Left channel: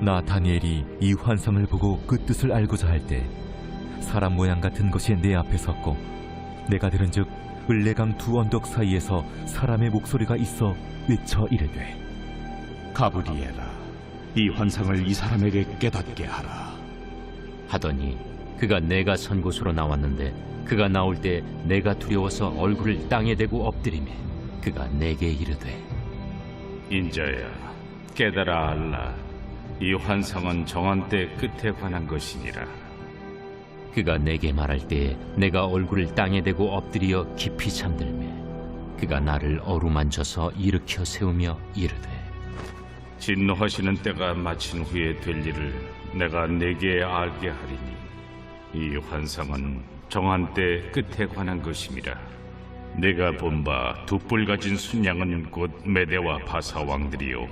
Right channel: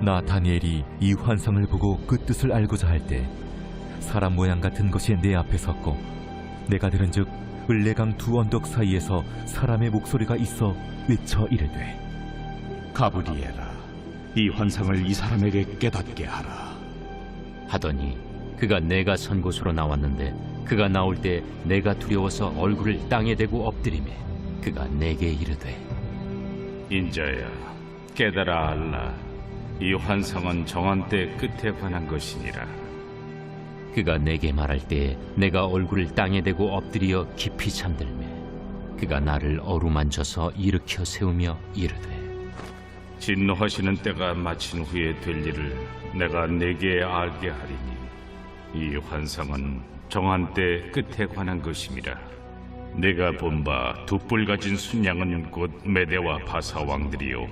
나 다니엘이 이 환상을 보고 그 뜻을 알고자 할 때 사람 모양 같은 것이 내 앞에 섰고 내가 들은즉 을레강 두 언덕 사이에서 사람의 목소리가 있어 외쳐 이르되 가브리엘아, 이 환상을 이 사람에게 깨닫게 하라. 하더니 그가 내가 선 곳으로 나왔는데 그가 나올 때 내가 두려워서 얼굴을 땅에 대고 엎드리매 그가 내게 이르되 인자야, 깨달아 알라. 이 환상은 정한 때 끝에 관한 것이니라. 그가 내게 말할 때에 내가 얼굴을 땅에 대고 엎드려 깊이 잠들매 그가 나를 어루만져서 일으켜 세우며 이르되 진노하시는 때가 마친 후에 될 일을 내가 네게 알게 하리니 이 환상은 정한 때 끝에 관한 것임이라. 내가 본 바 두 뿔 가진 순양은 곧 메대와 바사 왕들이요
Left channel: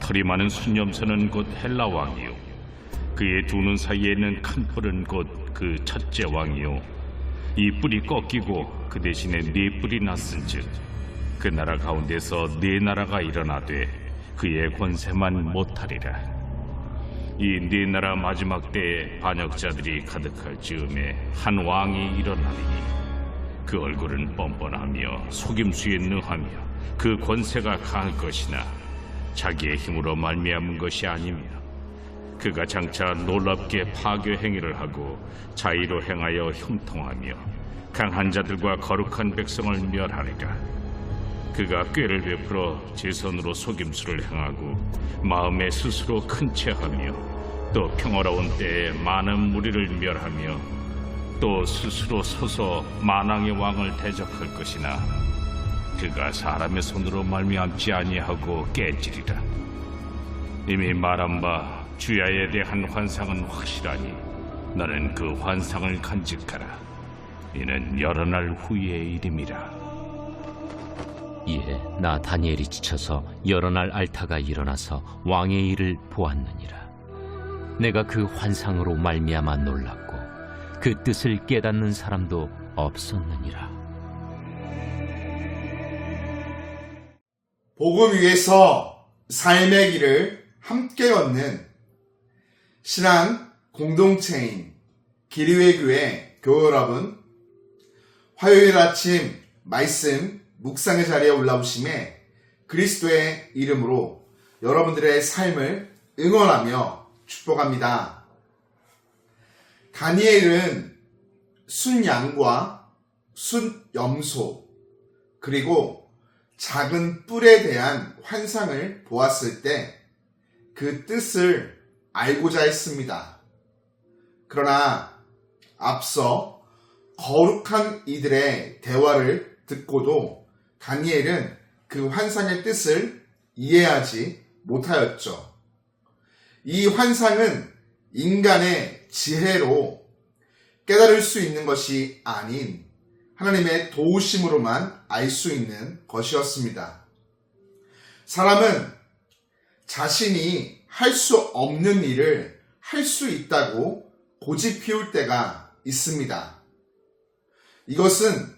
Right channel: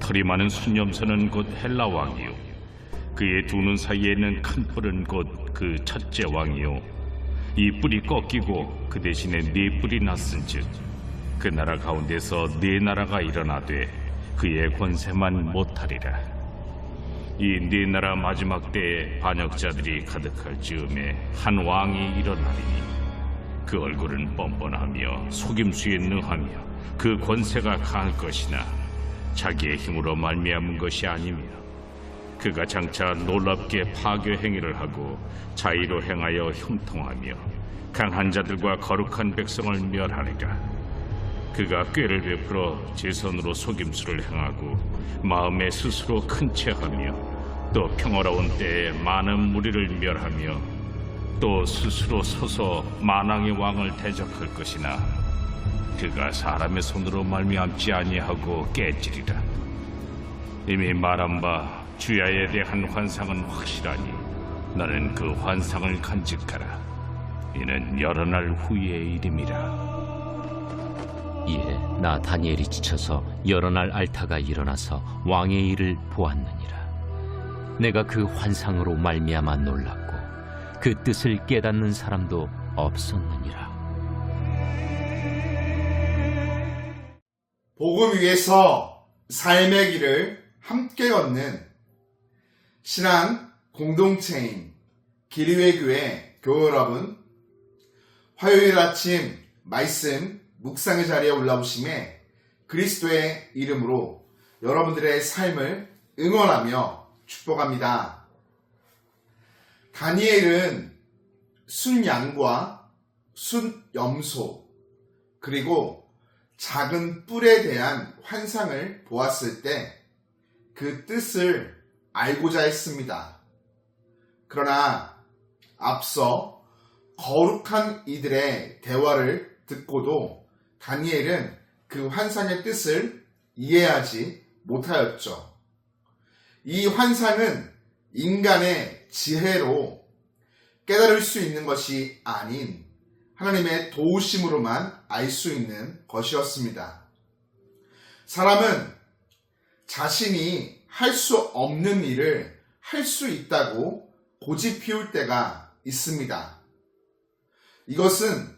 털이 많은 순염소는 곧 헬라 왕이요 그의 두 눈 사이에 있는 큰 뿔은 곧 그 첫째 왕이요 이 뿔이 꺾이고 그 대신에 네 뿔이 났은즉 그 나라 가운데서 네 나라가 일어나되 그의 권세만 못하리라. 이 네 나라 마지막 때에 반역자들이 가득할 즈음에 한 왕이 일어나리니 그 얼굴은 뻔뻔하며 속임수에 능하며 그 권세가 강할 것이나 자기의 힘으로 말미암은 것이 아니며 그가 장차 놀랍게 파괴 행위를 하고 자의로 행하여 형통하며 강한 자들과 거룩한 백성을 멸하리라. 그가 꾀를 베풀어 제 손으로 속임수를 행하고 마음에 스스로 큰 채하며 또 평화로운 때에 많은 무리를 멸하며 또 스스로 서서 만왕의 왕을 대적할 것이나 그가 사람의 손으로 말미암지 아니하고 깨지리라. 이미 말한 바 주야에 대한 환상은 확실하니 너는 그 환상을 간직하라. 이는 여러 날 후의 일임이라. 이에 나 다니엘이 지쳐서 여러 날 앓다가 일어나서 왕의 일을 보았느니라. 내가 그 환상으로 말미암아 놀랐고 그 뜻을 깨닫는 사람도 없었느니라. 복음 위에서 삶의 길을 함께 걷는 신앙 공동체인 기리회 교회 교회 여러분, 화요일 아침 말씀 묵상의 자리에 올라오심에 그리스도의 이름으로 여러분들의 삶을 응원하며 축복합니다. 다니엘은 순양과 순염소 그리고 작은 뿔에 대한 환상을 보았을 때 그 뜻을 알고자 했습니다. 그러나 앞서 거룩한 이들의 대화를 듣고도 다니엘은 그 환상의 뜻을 이해하지 못하였죠. 이 환상은 인간의 지혜로 깨달을 수 있는 것이 아닌 하나님의 도우심으로만 알 수 있는 것이었습니다. 사람은 자신이 할 수 없는 일을 할 수 있다고 고집 피울 때가 있습니다. 이것은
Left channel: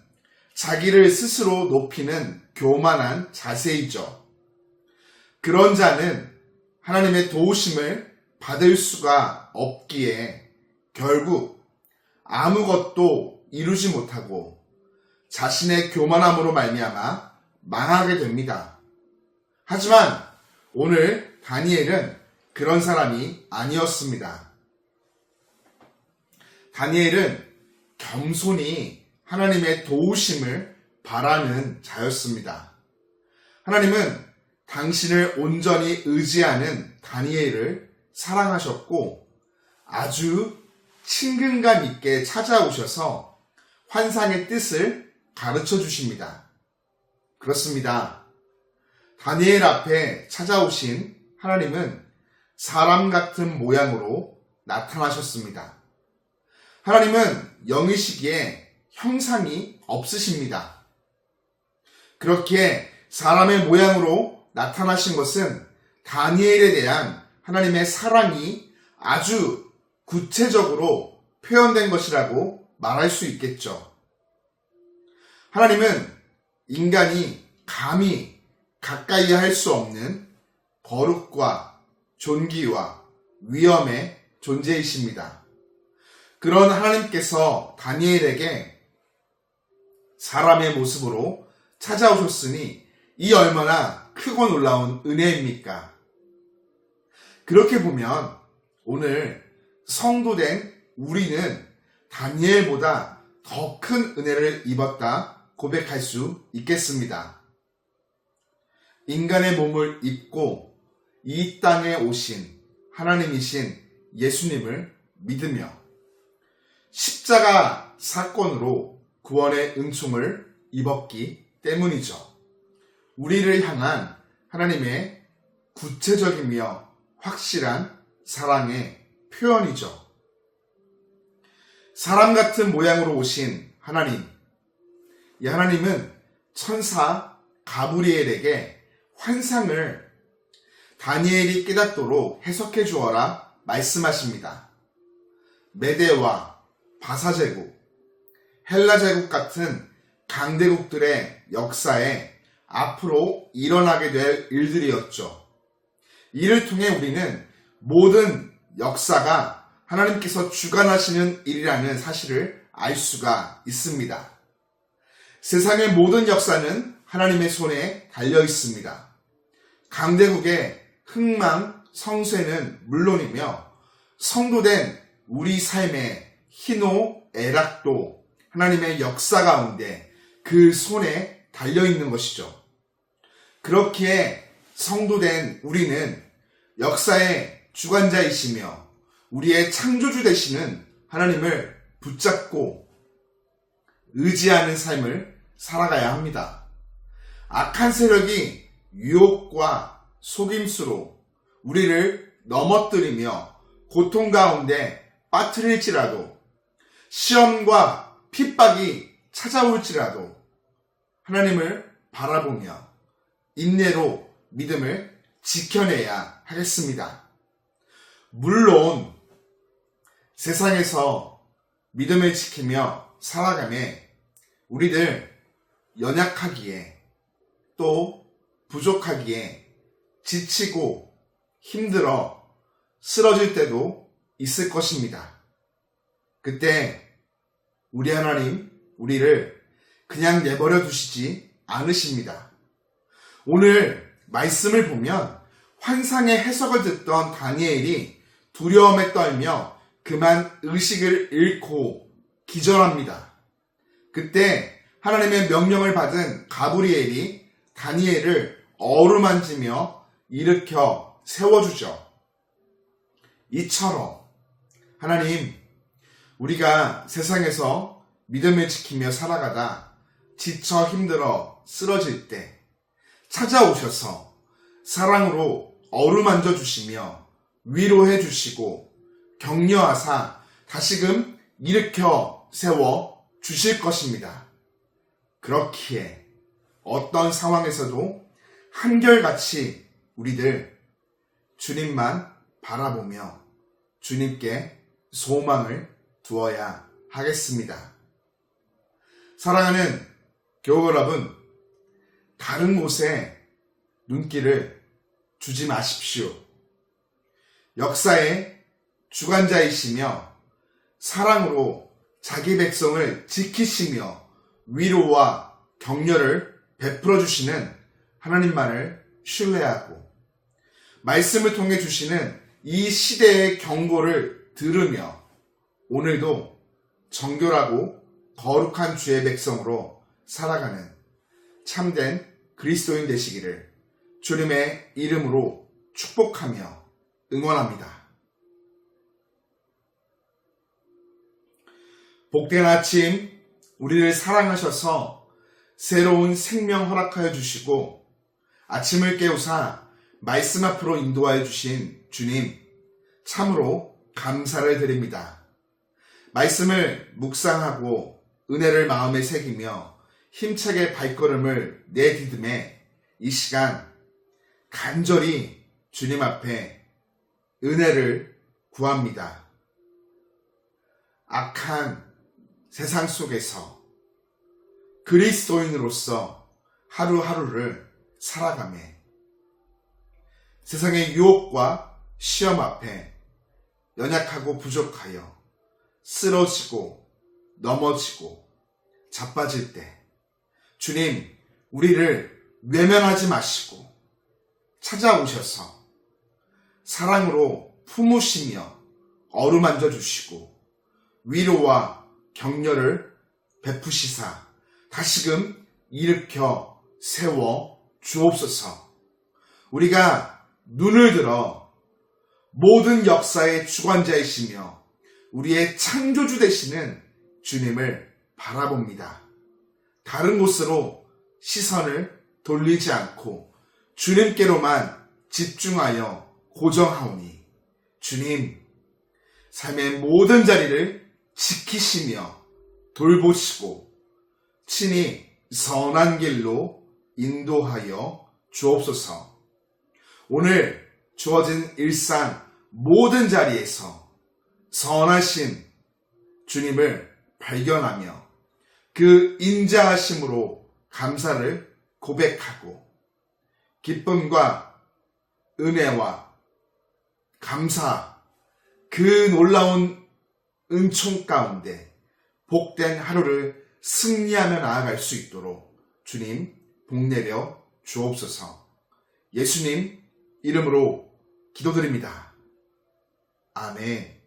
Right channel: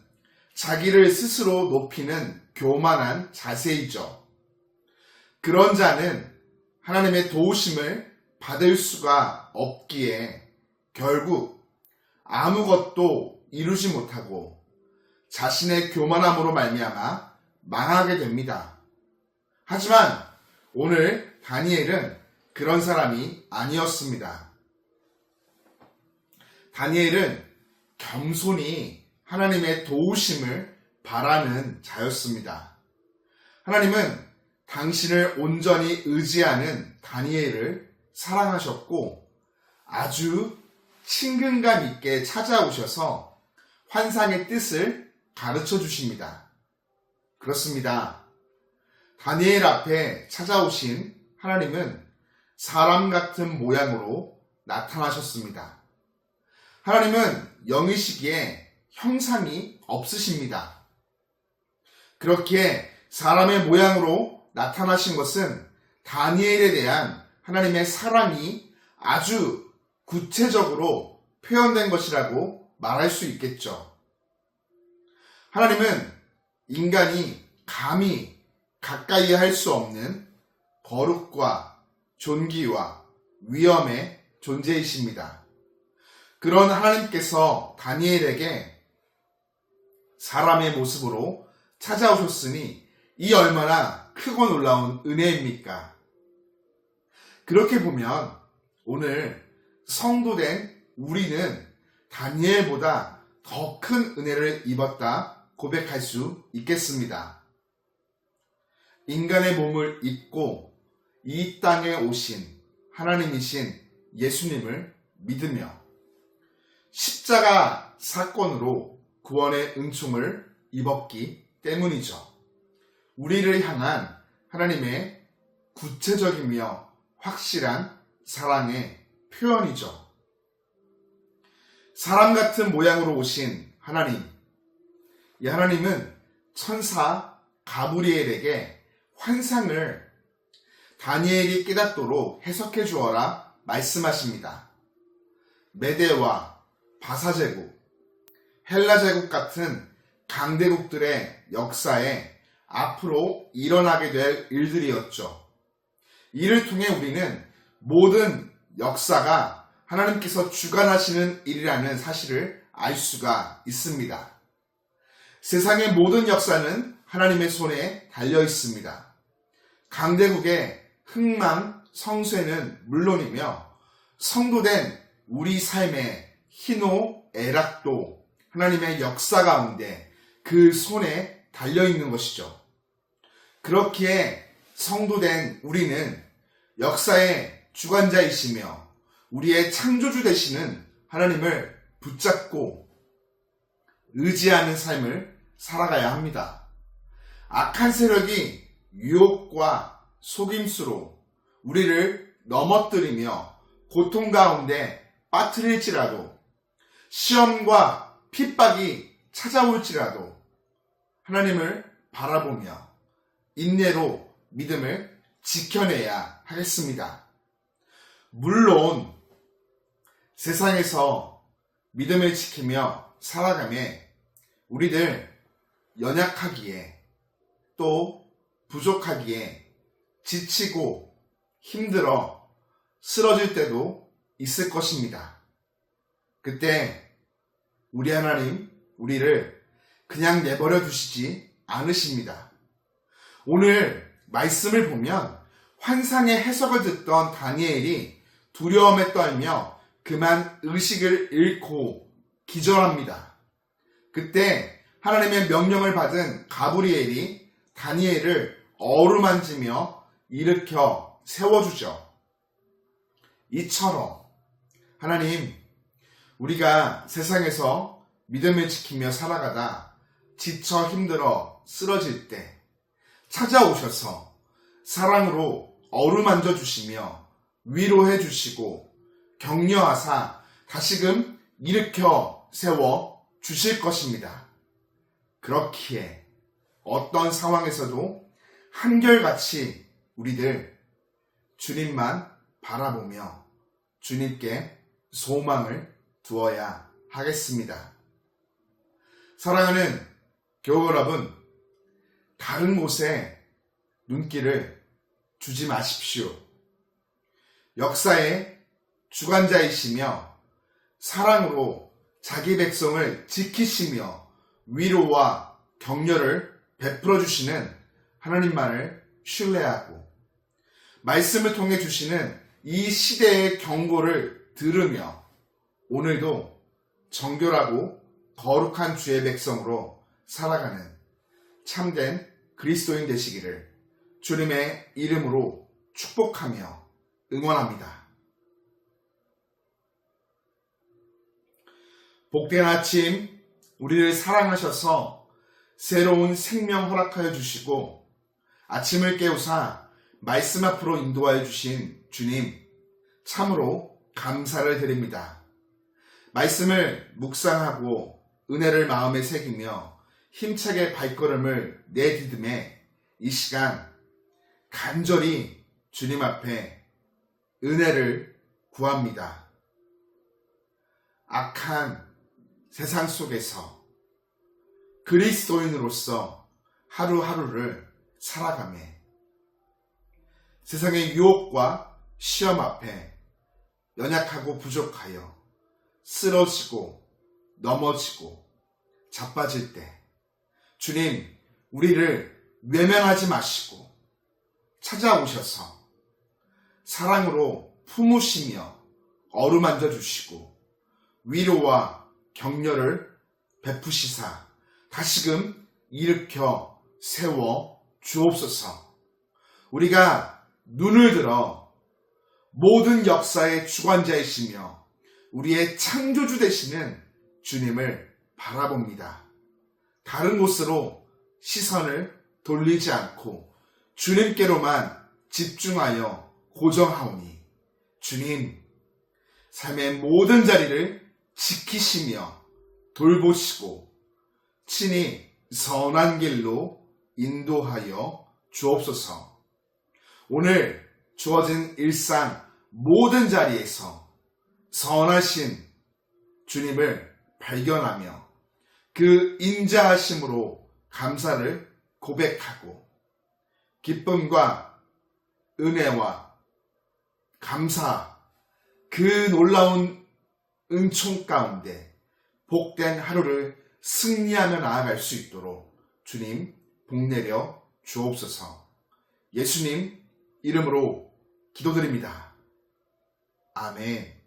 자기를 스스로 높이는 교만한 자세이죠. 그런 자는 하나님의 도우심을 받을 수가 없기에 결국 아무것도 이루지 못하고 자신의 교만함으로 말미암아 망하게 됩니다. 하지만 오늘 다니엘은 그런 사람이 아니었습니다. 다니엘은 겸손히 하나님의 도우심을 바라는 자였습니다. 하나님은 당신을 온전히 의지하는 다니엘을 사랑하셨고 아주 친근감 있게 찾아오셔서 환상의 뜻을 가르쳐 주십니다. 그렇습니다. 다니엘 앞에 찾아오신 하나님은 사람 같은 모양으로 나타나셨습니다. 하나님은 영이시기에 형상이 없으십니다. 그렇게 사람의 모양으로 나타나신 것은 다니엘에 대한 하나님의 사랑이 아주 구체적으로 표현된 것이라고 말할 수 있겠죠. 하나님은 인간이 감히 가까이 할 수 없는 거룩과 존귀와 위험의 존재이십니다. 그런 하나님께서 다니엘에게 사람의 모습으로 찾아오셨으니 이 얼마나 크고 놀라운 은혜입니까? 그렇게 보면 오늘 성도된 우리는 다니엘보다 더 큰 은혜를 입었다 고백할 수 있겠습니다. 인간의 몸을 입고 이 땅에 오신 하나님이신 예수님을 믿으며 십자가 사건으로 구원의 은총을 입었기 때문이죠. 우리를 향한 하나님의 구체적이며 확실한 사랑의 표현이죠. 사람 같은 모양으로 오신 하나님, 이 하나님은 천사 가브리엘에게 환상을 다니엘이 깨닫도록 해석해 주어라 말씀하십니다. 메대와 바사제국, 헬라제국 같은 강대국들의 역사에 앞으로 일어나게 될 일들이었죠. 이를 통해 우리는 모든 역사가 하나님께서 주관하시는 일이라는 사실을 알 수가 있습니다. 세상의 모든 역사는 하나님의 손에 달려 있습니다. 강대국의 흥망, 성쇠는 물론이며 성도된 우리 삶의 희노, 애락도 하나님의 역사 가운데 그 손에 달려 있는 것이죠. 그렇기에 성도된 우리는 역사의 주관자이시며 우리의 창조주 되시는 하나님을 붙잡고 의지하는 삶을 살아가야 합니다. 악한 세력이 유혹과 속임수로 우리를 넘어뜨리며 고통 가운데 빠뜨릴지라도 시험과 핍박이 찾아올지라도 하나님을 바라보며 인내로 믿음을 지켜내야 하겠습니다. 물론 세상에서 믿음을 지키며 살아가며 우리들 연약하기에 또 부족하기에 지치고 힘들어 쓰러질 때도 있을 것입니다. 그때 우리 하나님 우리를 그냥 내버려 두시지 않으십니다. 오늘 말씀을 보면 환상의 해석을 듣던 다니엘이 두려움에 떨며 그만 의식을 잃고 기절합니다. 그때 하나님의 명령을 받은 가브리엘이 다니엘을 어루만지며 일으켜 세워주죠. 이처럼 하나님, 우리가 세상에서 믿음을 지키며 살아가다 지쳐 힘들어 쓰러질 때 찾아오셔서 사랑으로 어루만져 주시며 위로해 주시고 격려하사 다시금 일으켜 세워 주실 것입니다. 그렇기에 어떤 상황에서도 한결같이 우리들 주님만 바라보며 주님께 소망을 두어야 하겠습니다. 사랑하는 교우 여러분, 다른 곳에 눈길을 주지 마십시오. 역사의 주관자이시며 사랑으로 자기 백성을 지키시며 위로와 격려를 베풀어 주시는 하나님만을 신뢰하고 말씀을 통해 주시는 이 시대의 경고를 들으며 오늘도 정결하고 거룩한 주의 백성으로 살아가는 참된 그리스도인 되시기를 주님의 이름으로 축복하며 응원합니다. 복된 아침, 우리를 사랑하셔서 새로운 생명 허락하여 주시고 아침을 깨우사 말씀 앞으로 인도하여 주신 주님, 참으로 감사를 드립니다. 말씀을 묵상하고 은혜를 마음에 새기며 힘차게 발걸음을 내디듬에 이 시간 간절히 주님 앞에 은혜를 구합니다. 악한 세상 속에서 그리스도인으로서 하루하루를 살아가며 세상의 유혹과 시험 앞에 연약하고 부족하여 쓰러지고 넘어지고 자빠질 때 주님 우리를 외면하지 마시고 찾아오셔서 사랑으로 품으시며 어루만져 주시고 위로와 격려를 베푸시사 다시금 일으켜 세워 주옵소서. 우리가 눈을 들어 모든 역사의 주관자이시며 우리의 창조주 되시는 주님을 바라봅니다. 다른 곳으로 시선을 돌리지 않고 주님께로만 집중하여 고정하오니 주님 삶의 모든 자리를 지키시며 돌보시고 친히 선한 길로 인도하여 주옵소서. 오늘 주어진 일상 모든 자리에서 선하신 주님을 발견하며 그 인자하심으로 감사를 고백하고 기쁨과 은혜와 감사 그 놀라운 은총 가운데 복된 하루를 승리하며 나아갈 수 있도록 주님 복내려 주옵소서. 예수님 이름으로 기도드립니다. 아멘.